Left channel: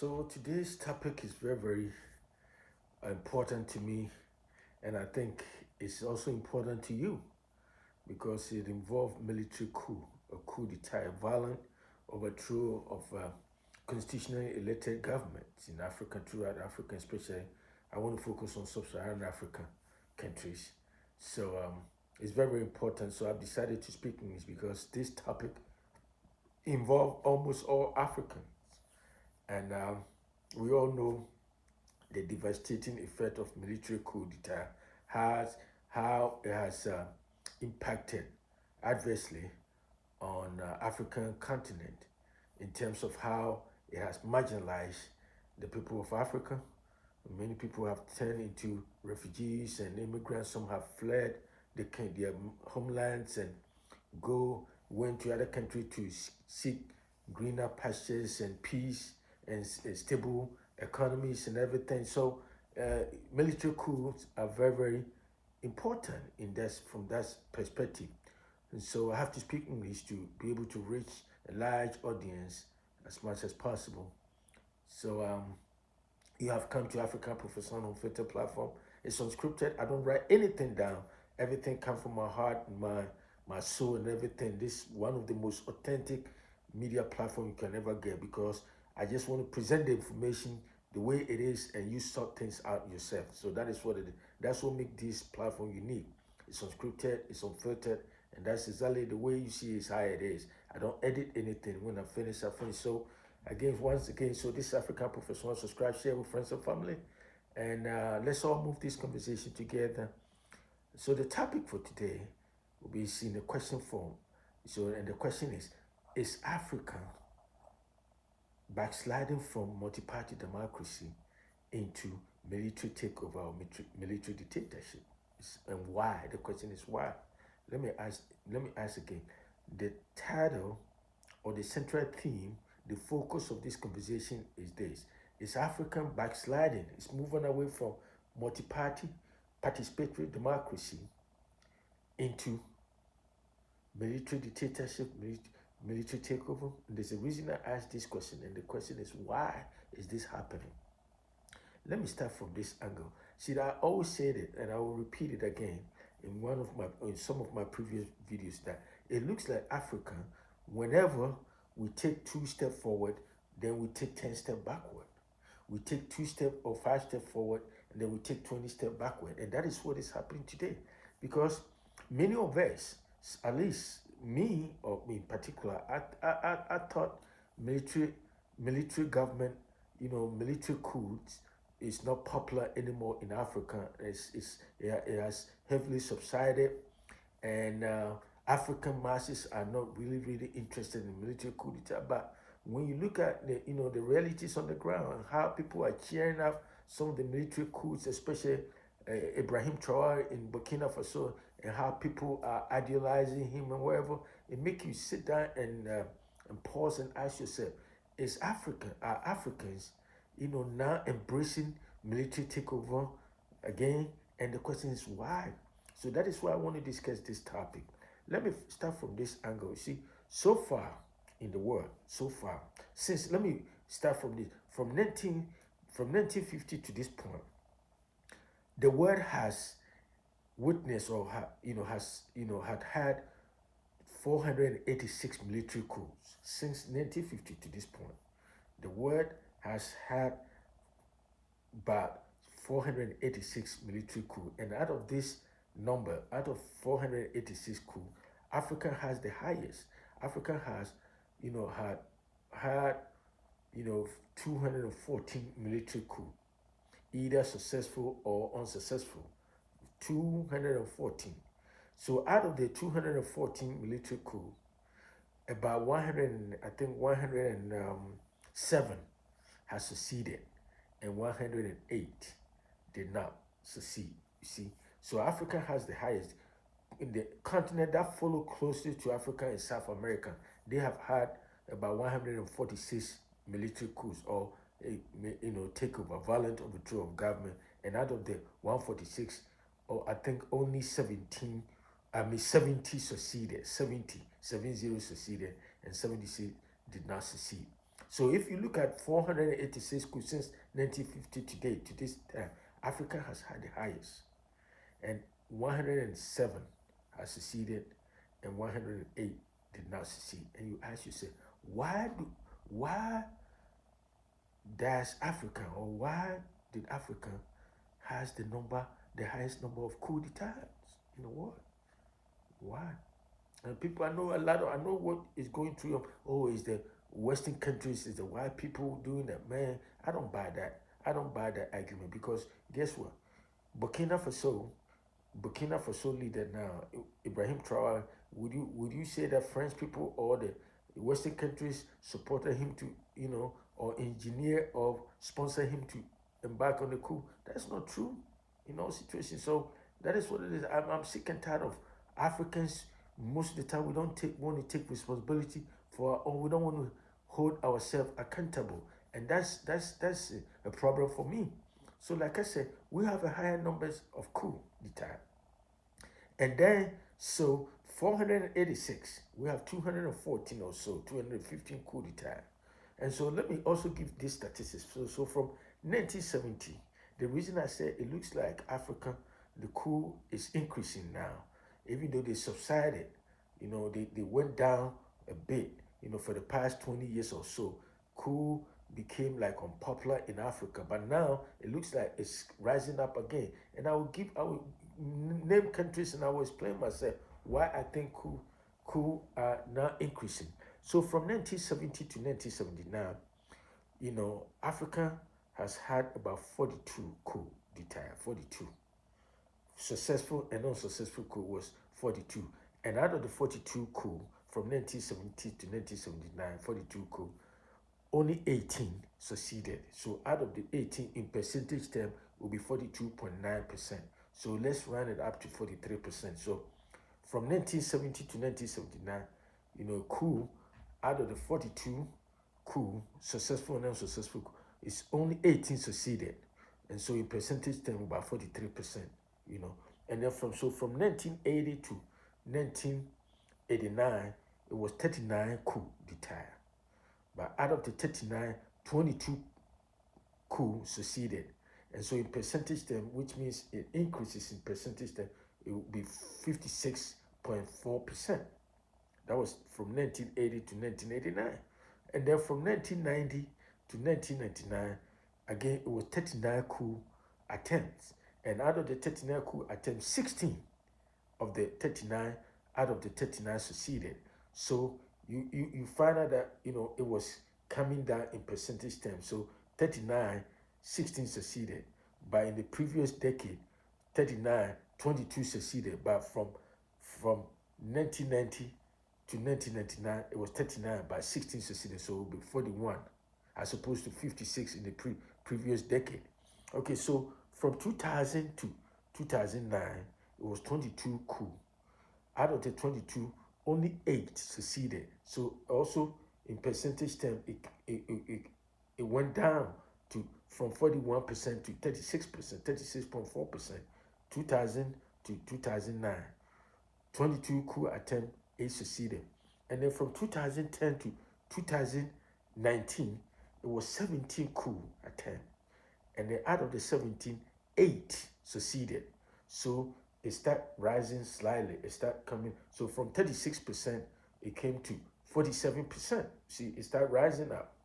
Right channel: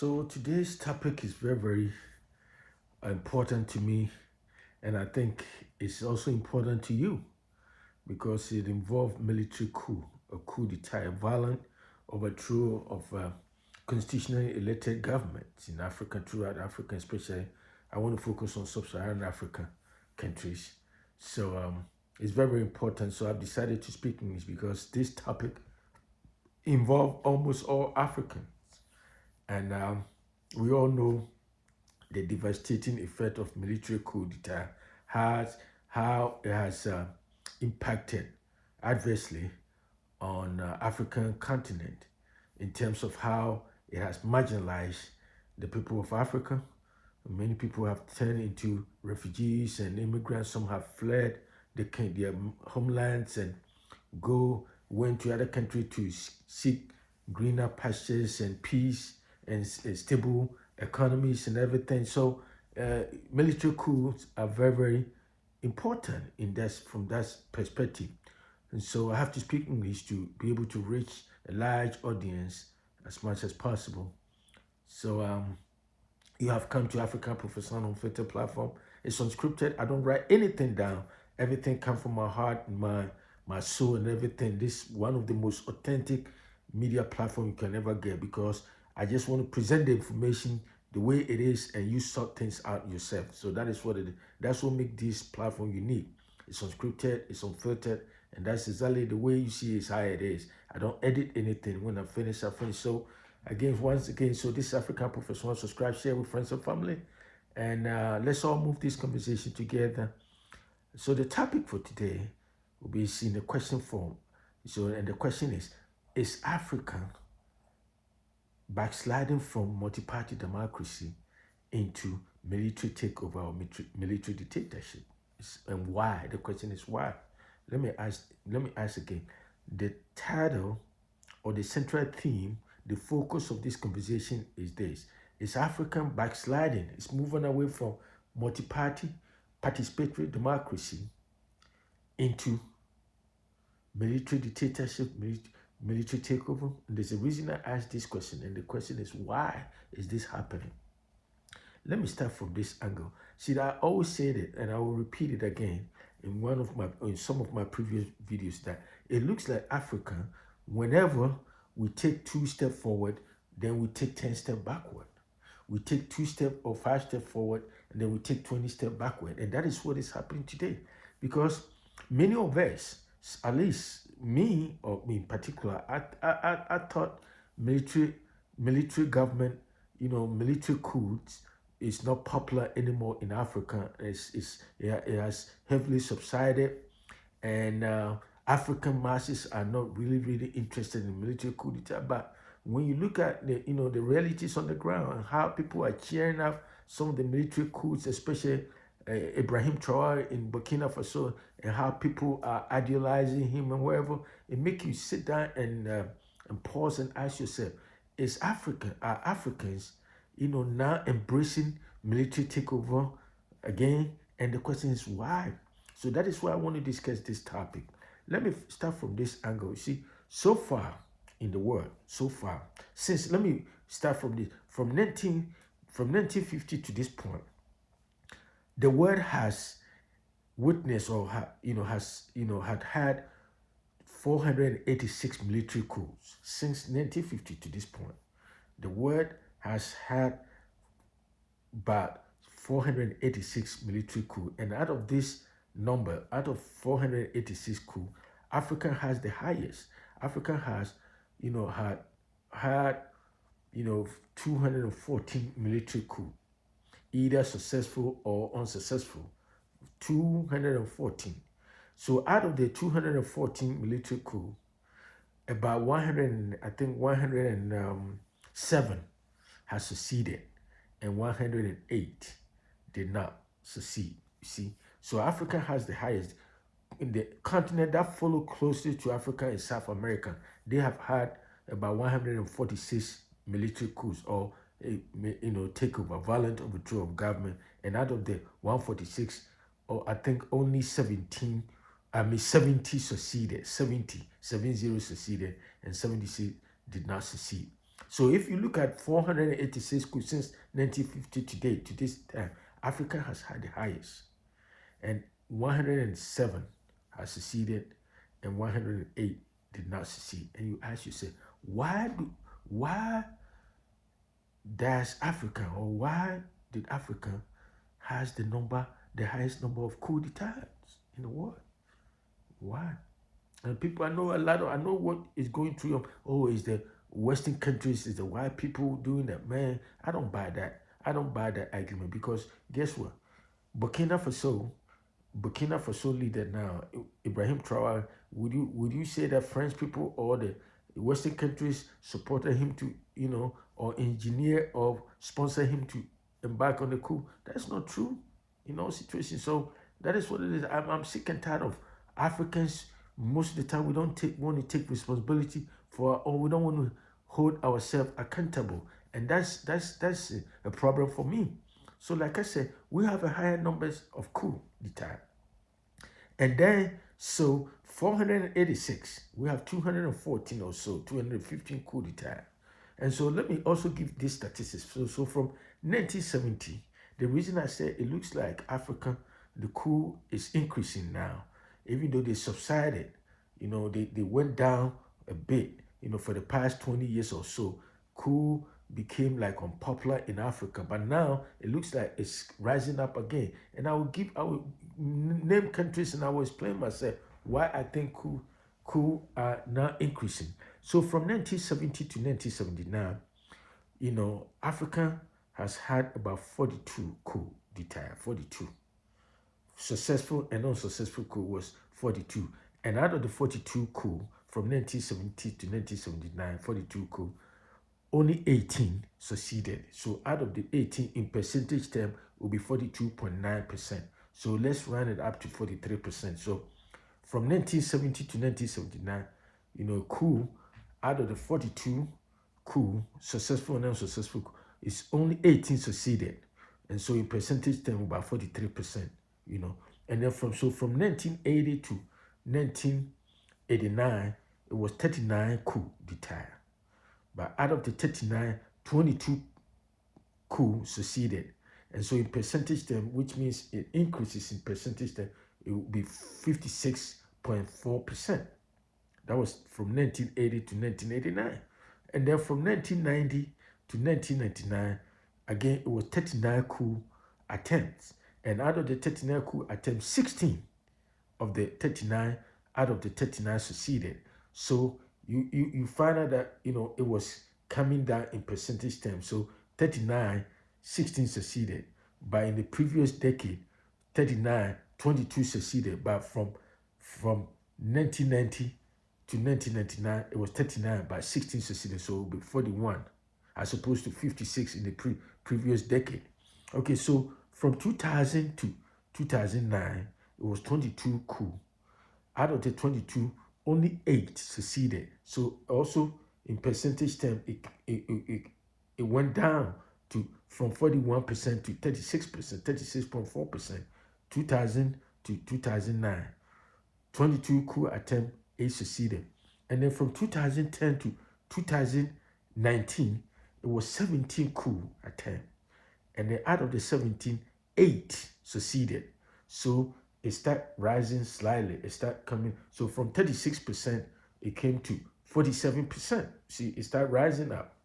So today's topic is very important to me, and I think it's also important to you because it involved military coup, a coup d'etat, a violent overthrow of constitutionally elected governments in Africa, throughout Africa, especially. I want to focus on sub-Saharan African countries. So it's very important. So I've decided to speak English because this topic involves almost all Africans, and we all know the devastating effect of military coup d'etat has how it has impacted adversely on African continent in terms of how it has marginalized the people of Africa. Many people have turned into refugees and immigrants. Some have fled their homelands and went to other countries to seek greener pastures and peace and stable economies and everything. So military coups are very important in that from that perspective. And so I have to speak English to be able to reach a large audience as much as possible. So you have come to African Professor Unfiltered platform. It's unscripted. I don't write anything down. Everything comes from my heart and my soul and everything. This is one of the most authentic media platform you can ever get because I just want to present the information the way it is and you sort things out yourself. So that is what it is. That's what makes this platform unique. It's unscripted, it's unfiltered, and that's exactly the way you see is how it is. I don't edit anything. When I finish, I finish. So again, once again, so this is African Professional. Subscribe, share with friends and family, and let's all move this conversation together. So the topic for today will be in the question form. So, and the question is Africa backsliding from multi-party democracy into military takeover or military dictatorship? And why? The question is why. Let me ask. Let me ask again. The title or the central theme, the focus of this conversation is this: is African backsliding? It's moving away from multi-party, participatory democracy into military dictatorship, military takeover. And there's a reason I asked this question, and the question is why is this happening? Let me start from this angle. See, I always said it, and I will repeat it again in some of my previous videos that it looks like Africa, whenever we take 2 steps forward, then we take 10 steps backward. We take 2 steps or 5 steps forward, and then we take 20 steps backward, and that is what is happening today, because many of us, at least me or me in particular, I thought military military government, military coups is not popular anymore in Africa. It has heavily subsided, and African masses are not really interested in military coup d'etat. But when you look at the realities on the ground and how people are cheering up some of the military coups, especially Ibrahim Traore in Burkina Faso, and how people are idealizing him and wherever, it makes you sit down and pause and ask yourself: Is are Africans, now embracing military takeover again? And the question is why. So that is why I want to discuss this topic. Let me start from this angle. You see, so far in the world, so far since let me start from this from 1950 to this point, the world has witnessed or had 486 military coups since 1950 to this point. The world has had about 486 military coups, and out of this number, out of 486 coups, Africa has the highest. Africa has, had 214 military coups, either successful or unsuccessful. 214. So out of the 214 military coups, about 100, I think 107 has succeeded, and 108 did not succeed. You see, so Africa has the highest. In the continent that follow closely to Africa is South America. They have had about 146 military coups or takeover, violent overthrow of government, and out of the 146, or I think only 70 succeeded, 70 succeeded, and 76 did not succeed. So if you look at 486 coups since 1950 today, to this time, Africa has had the highest, and 107 has succeeded, and 108 did not succeed. And you ask yourself, why does Africa, or why did Africa has the highest number of coup d'etats in the world? Why? And people, I know what is going through them. Oh, is the Western countries, is the white people doing that? Man, I don't buy that. I don't buy that argument, because guess what? Burkina Faso, Burkina Faso leader now, Ibrahim Traore, would you say that French people or the Western countries supported him to, or engineer or sponsor him to embark on the coup? That's not true in all situations. So that is what it is. I'm sick and tired of Africans. Most of the time, we don't want to take responsibility for, or we don't want to hold ourselves accountable, and that's a problem for me. So, like I said, we have a higher numbers of coup d'etat. And then, so 486, we have 214 or so, 215 coup d'etat. And so let me also give these statistics. So from 1970, the reason I say it looks like Africa, the coup is increasing now, even though they subsided, they went down a bit, for the past 20 years or so. Coup became like unpopular in Africa, but now it looks like it's rising up again. And I will name countries, and I will explain myself why I think coup are now increasing. So from 1970 to 1979, Africa has had about 42 coup d'etat, 42. Successful and unsuccessful coup was 42. And out of the 42 coup from 1970 to 1979, 42 coup, only 18 succeeded. So out of the 18 in percentage term will be 42.9%. So let's round it up to 43%. So from 1970 to 1979, coup, out of the 42 coup, successful and unsuccessful coup, it's only 18 succeeded. And so in percentage term, about 43%, And then from 1980 to 1989, it was 39 coup d'etat. But out of the 39, 22 coups succeeded. And so in percentage term, which means it increases in percentage term, it will be 56.4%. That was from 1980 to 1989. And then from 1990 to 1999, again, it was 39 coup attempts. And out of the 39 coup attempts, 16 of the 39 out of the 39 succeeded. So you find out that it was coming down in percentage terms. So 39, 16 succeeded. But in the previous decade, 39, 22 succeeded. But from 1990 to 1999, it was 39, but 16 succeeded. So it will be 41, as opposed to 56 in the previous decade. Okay, so from 2000 to 2009, it was 22 coup. Out of the 22, only 8 succeeded. So also in percentage term, it went down to from 41% to 36%, 36.4%, 2000 to 2009. 22 coup attempt, 8 succeeded. And then from 2010 to 2019, it was 17 coup attempt. And then out of the 17, 8 succeeded. So it started rising slightly. It started coming. So from 36%, it came to 47%. See, it started rising up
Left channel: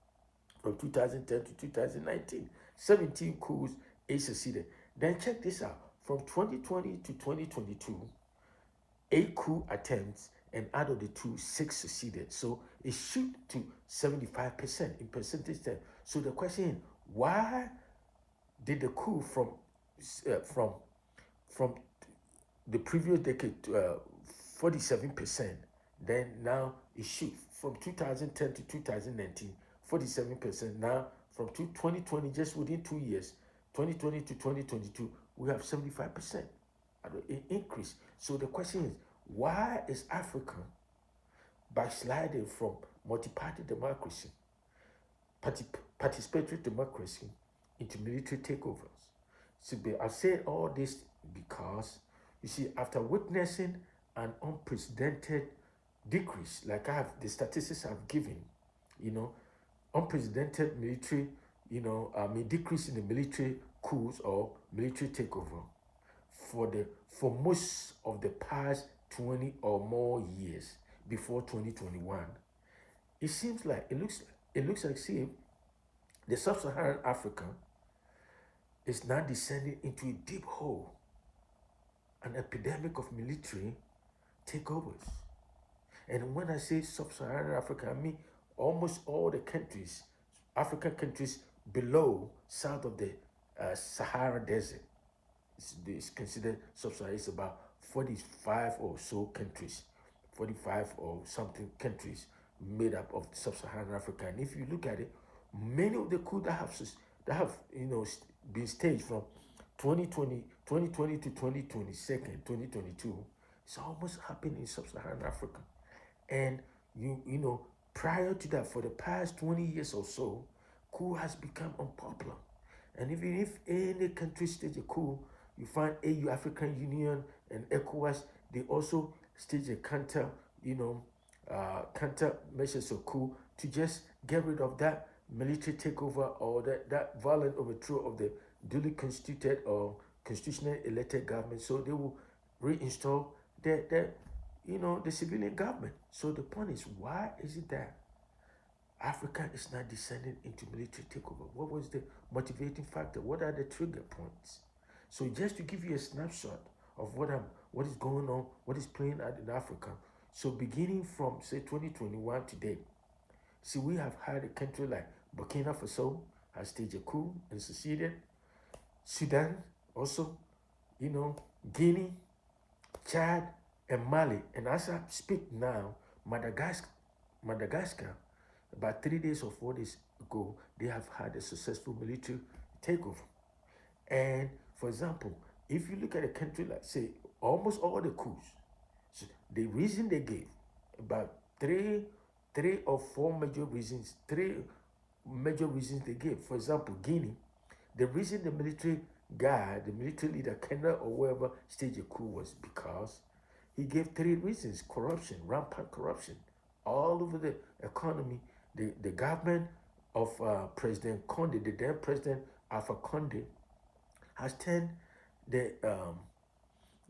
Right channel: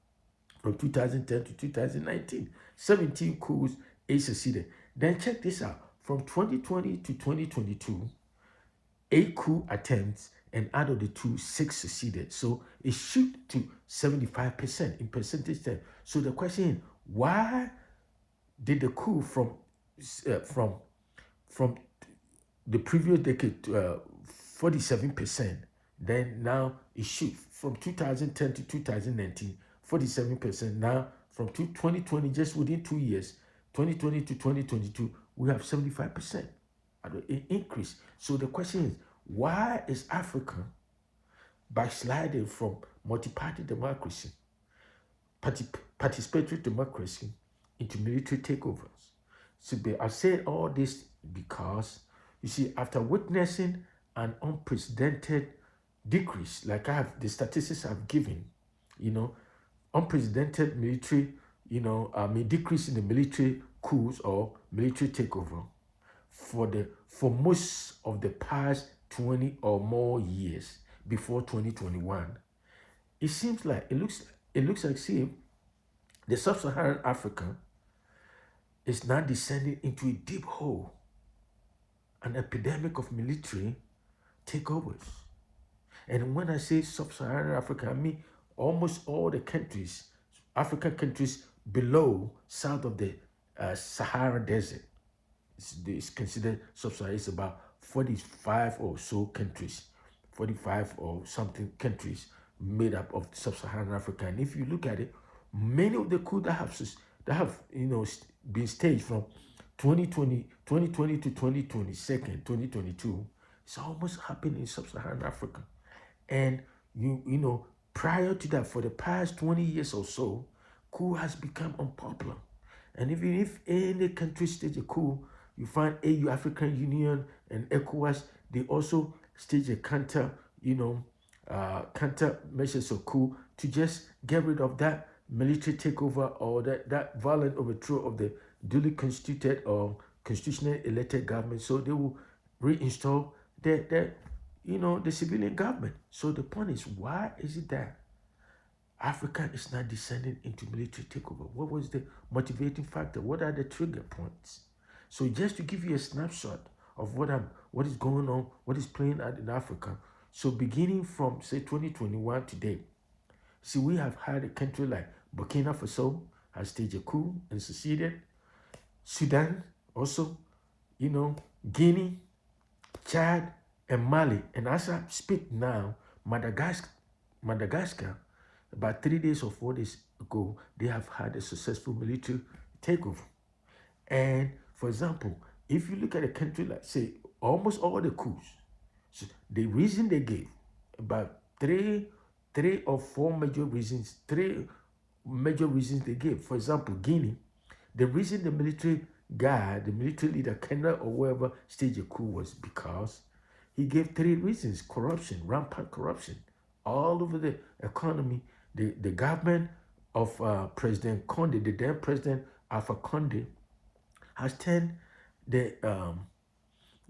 from 2010 to 2019. 17 coups, 8 succeeded. Then check this out. From 2020 to 2022, 8 coup attempts, and out of the 2, 6 succeeded. So it shoot to 75% in percentage terms. So the question is, why did the coup from the previous decade to 47%, then now it shoot from 2010 to 2019, 47%. Now from 2020, just within 2 years, 2020 to 2022, we have 75% increase. So the question is, why is Africa backsliding from multi-party democracy, participatory democracy, into military takeovers? So I say all this because, you see, after witnessing an unprecedented decrease, like the statistics I've given, unprecedented military, decrease in the military coups or military takeover for most of the past 20 or more years before 2021. It seems like it looks like, see, the sub-Saharan Africa is now descending into a deep hole, an epidemic of military takeovers. And when I say sub-Saharan Africa, I mean almost all the countries, African countries below, south of the Sahara Desert. It's considered sub-Saharan. It's about 45 or so countries, 45 or something countries made up of sub-Saharan Africa. And if you look at it, many of the coups that have been staged from 2020 to 2022, it's almost happened in sub-Saharan Africa. And prior to that, for the past 20 years or so, coup has become unpopular. And even if any country stage a coup, you find AU, African Union, and ECOWAS, they also stage a counter measures of coup to just get rid of that military takeover or that violent overthrow of the duly constituted or constitutionally elected government. So they will reinstall the civilian government. So the point is, why is it that Africa is not descending into military takeover? What was the motivating factor? What are the trigger points? So just to give you a snapshot of what is going on, what is playing out in Africa. So beginning from say 2021 today, see, we have had a country like Burkina Faso has staged a coup and succeeded. Sudan also, Guinea, Chad, and Mali. And as I speak now, Madagascar, about 3 days or 4 days ago, they have had a successful military takeover. And for example, if you look at a country like, say, almost all the coups, so the reason they gave about three or four major reasons, they gave. For example, Guinea, the reason the military guy, the military leader, Kenya or whoever staged a coup was because he gave three reasons: corruption, rampant corruption, all over the economy. The government of President Conde, the then President Alpha Conde, has turned the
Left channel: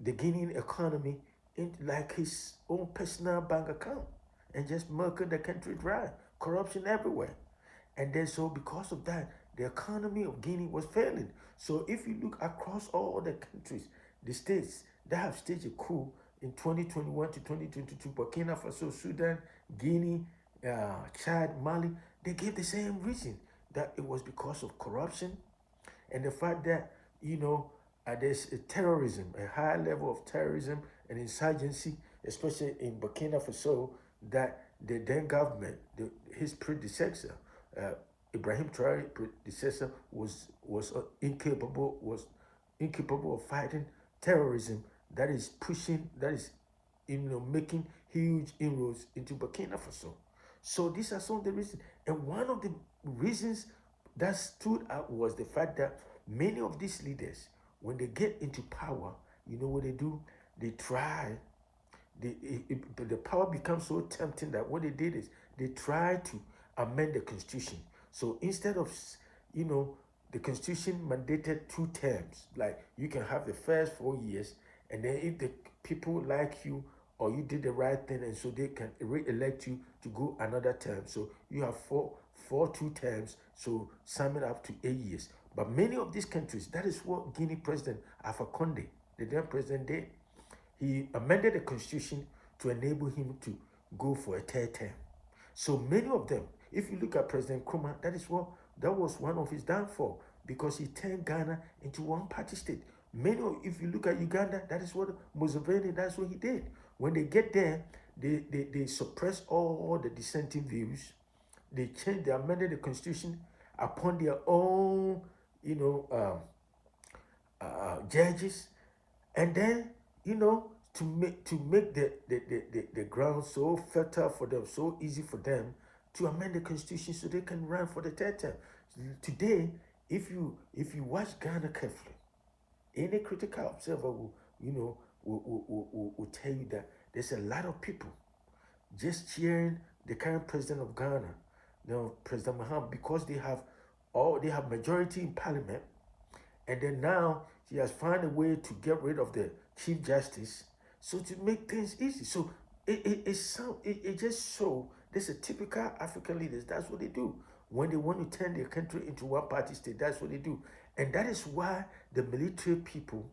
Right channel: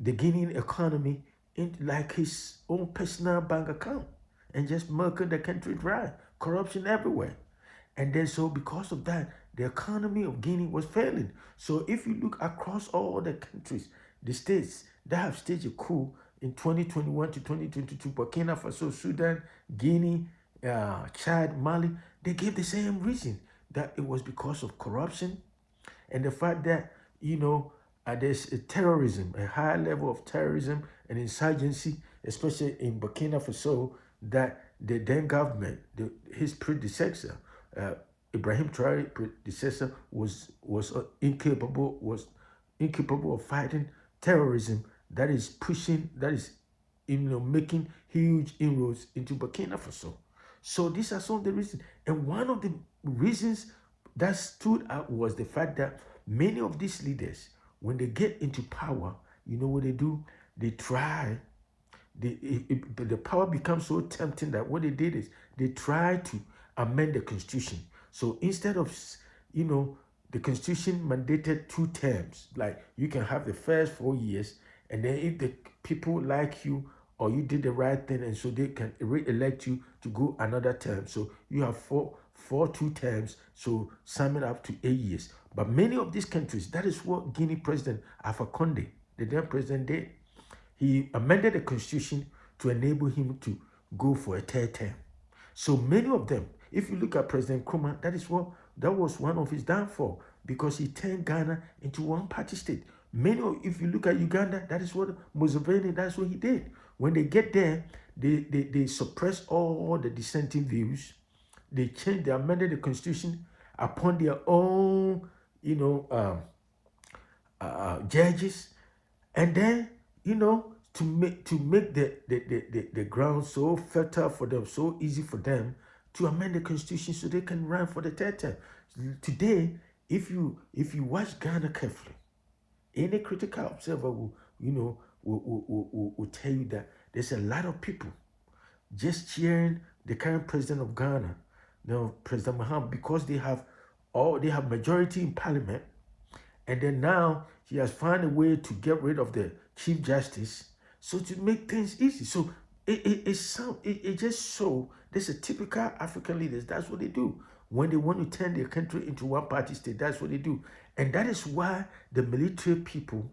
Guinean economy into like his own personal bank account and just milking the country dry. Corruption everywhere. And then so because of that, the economy of Guinea was failing. So if you look across all the countries, the states that have staged a coup in 2021 to 2022, Burkina Faso, Sudan, Guinea, Chad, Mali, they gave the same reason, that it was because of corruption and the fact that there's a terrorism, a high level of terrorism and insurgency, especially in Burkina Faso, that the then government, his predecessor, uh, Ibrahim Traore predecessor, was incapable of fighting terrorism. That is making huge inroads into Burkina Faso. So these are some of the reasons, and one of the reasons that stood out was the fact that many of these leaders, when they get into power, you know what they do? They try. The power becomes so tempting that what they did is they try to amend the constitution. So instead of, you know, the constitution mandated 2 terms, like you can have the first 4 years, and then if the people like you or you did the right thing, and so they can re-elect you to go another term. So you have four 2 terms, so sum it up to 8 years. But many of these countries, that is what Guinea President Alpha Conde, the then president, did. He amended the constitution to enable him to go for a third term. So many of them, if you look at President Nkrumah, that was one of his downfall, because he turned Ghana into one party state. If you look at Uganda, that is what Museveni, that's what he did. When they get there, they suppress all the dissenting views. They amended the constitution upon their own, you know, judges, and then to make the ground so fertile for them, so easy for them to amend the constitution so they can run for the third term. Today, if you watch Ghana carefully, any critical observer will tell you that there's a lot of people just cheering the current president of Ghana, No, President Mahama, because they have majority in parliament, and then now he has found a way to get rid of the chief justice, so to make things easy. So it just show this is typical African leaders. That's what they do when they want to turn their country into one party state. That's what they do, and that is why the military people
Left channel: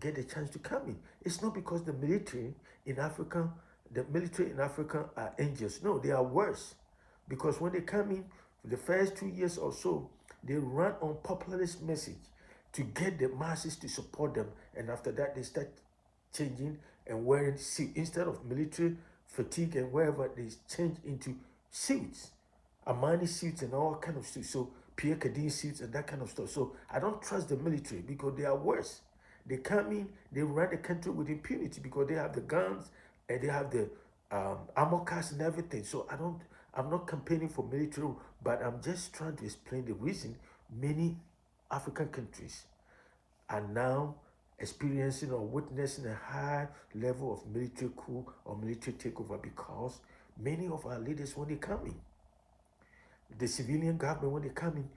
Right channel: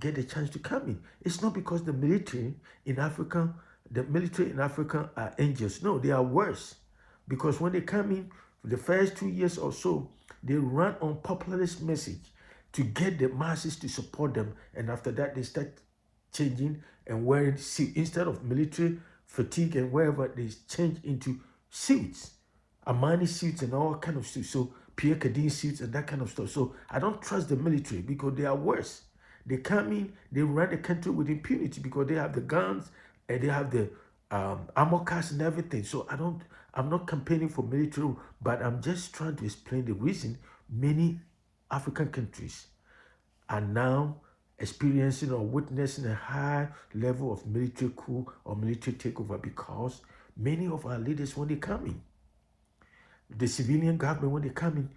get a chance to come in. It's not because the military in Africa are angels. No, they are worse, because when they come in, the first 2 years or so, they run on populist message to get the masses to support them, and after that, they start changing and wearing suits instead of military fatigue and wherever they change into suits, Armani suits and all kind of suits. So Pierre Cardin suits and that kind of stuff. So I don't trust the military because they are worse. They come in, they run the country with impunity because they have the guns and they have the armor cars and everything. So I'm not campaigning for military, but I'm just trying to explain the reason many African countries are now experiencing or witnessing a high level of military coup or military takeover, because many of our leaders, when they come in, the civilian government, when they come in,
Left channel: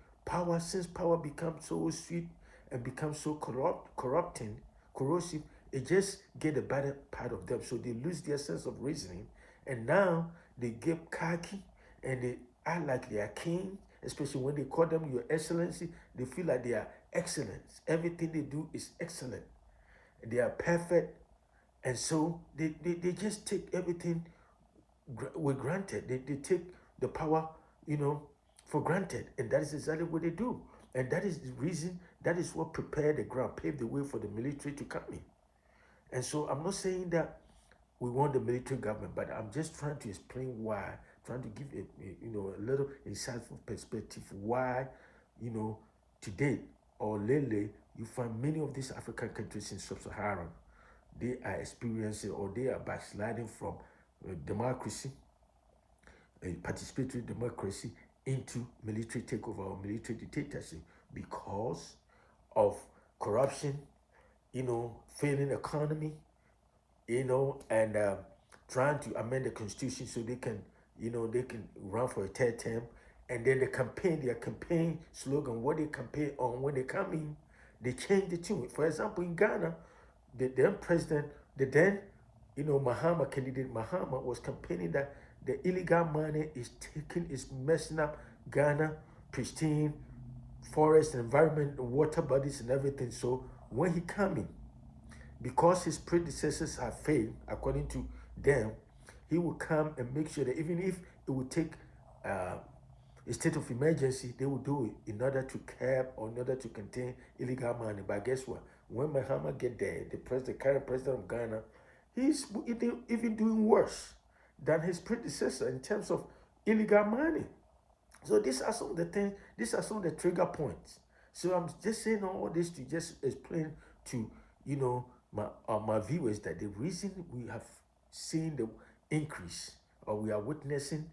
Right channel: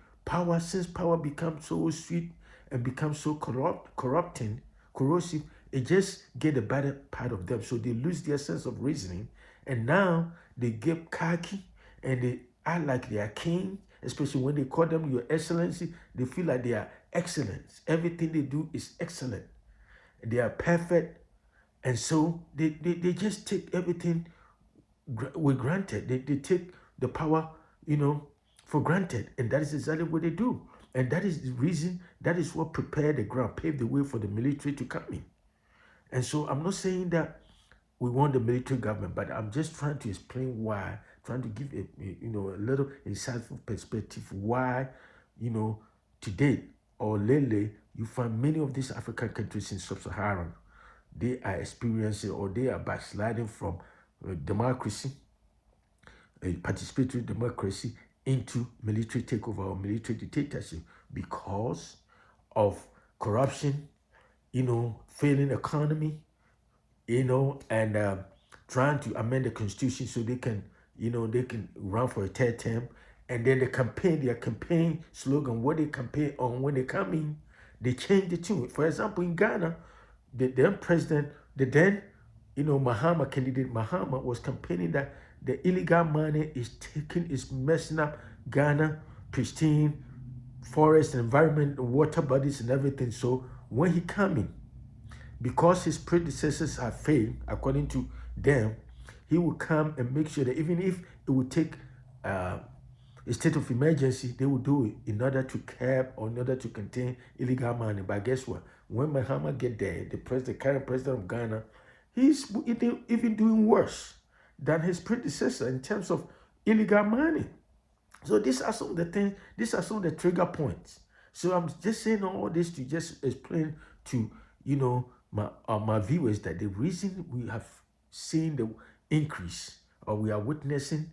since power becomes so sweet and becomes so corrosive, it just get the better part of them. So they lose their sense of reasoning, and now they get cocky and they act like they are king, especially when they call them your excellency. They feel like they are excellent. Everything they do is excellent. They are perfect. And so they just take everything with granted. They take the power, you know, for granted. And that is exactly what they do. And that is the reason, that is what prepared the ground, paved the way for the military to come in. And so I'm not saying that we want the military government, but I'm just trying to explain why, trying to give a little insightful perspective why, you know, today or lately, you find many of these African countries in sub-Saharan, they are experiencing or they are backsliding from democracy, a participatory democracy, into military takeover or military dictatorship because of corruption, failing economy, and trying to amend the constitution so they can run for a third term. And then their campaign slogan, what they campaign on when they come in, they change the tune. For example, in Ghana, the then president, the then, Mahama candidate Mahama was campaigning that the illegal money is messing up Ghana, pristine forest, environment, water bodies, and everything. So when he come in, because his predecessors have failed, according to them, he will come and make sure that even if it would take a state of emergency, they will do it in order to curb or in order to contain illegal money. But guess what? When Mahama get there, the current president of Ghana, he's even doing worse than his predecessor in terms of illegal money. So these are some of the things, these are some of the trigger points. So I'm just saying all this to just explain to, my viewers that the reason we have seen the increase, or we are witnessing,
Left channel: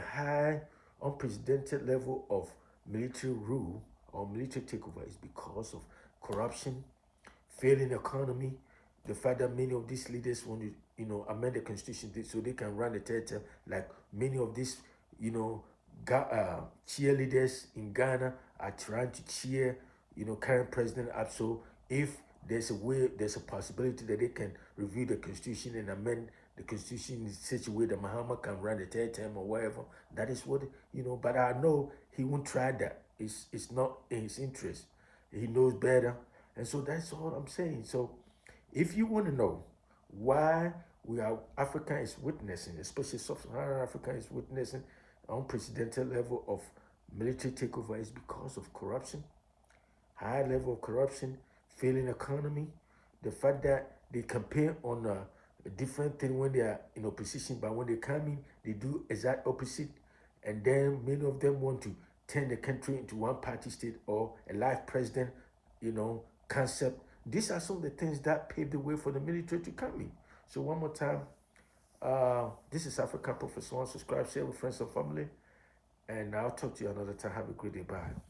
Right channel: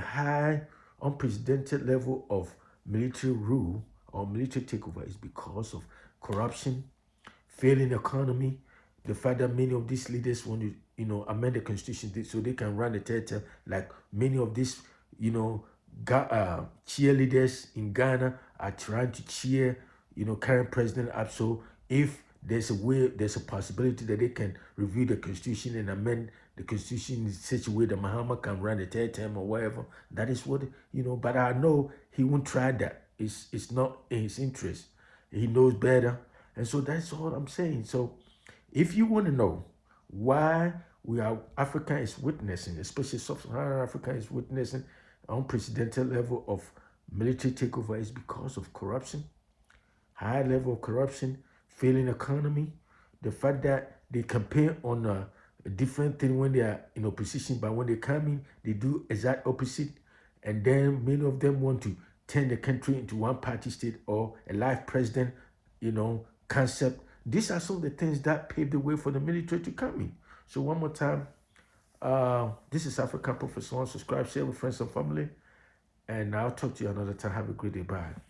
high unprecedented level of military rule or military takeover is because of corruption, failing economy, the fact that many of these leaders want to, amend the constitution so they can run the third term, like many of these, cheerleaders in Ghana are trying to cheer, current president up. So if there's a possibility that they can review the constitution and amend the constitution in such a way that Mahama can run the third term or whatever. That is what, but I know he won't try that. It's not in his interest. He knows better. And so that's all I'm saying. So if you want to know why Africa is witnessing, especially Sub-Saharan Africa is witnessing unprecedented level of military takeover, is because of corruption, high level of corruption, failing economy, the fact that they campaign on a different thing when they are in opposition, but when they come in, they do exact opposite. And then many of them want to turn the country into one party state or a life president, concept. These are some of the things that paved the way for the military to come in. So one more time, this is African Professor. Subscribe, share with friends and family, and I'll talk to you another time. Have a great day. Bye.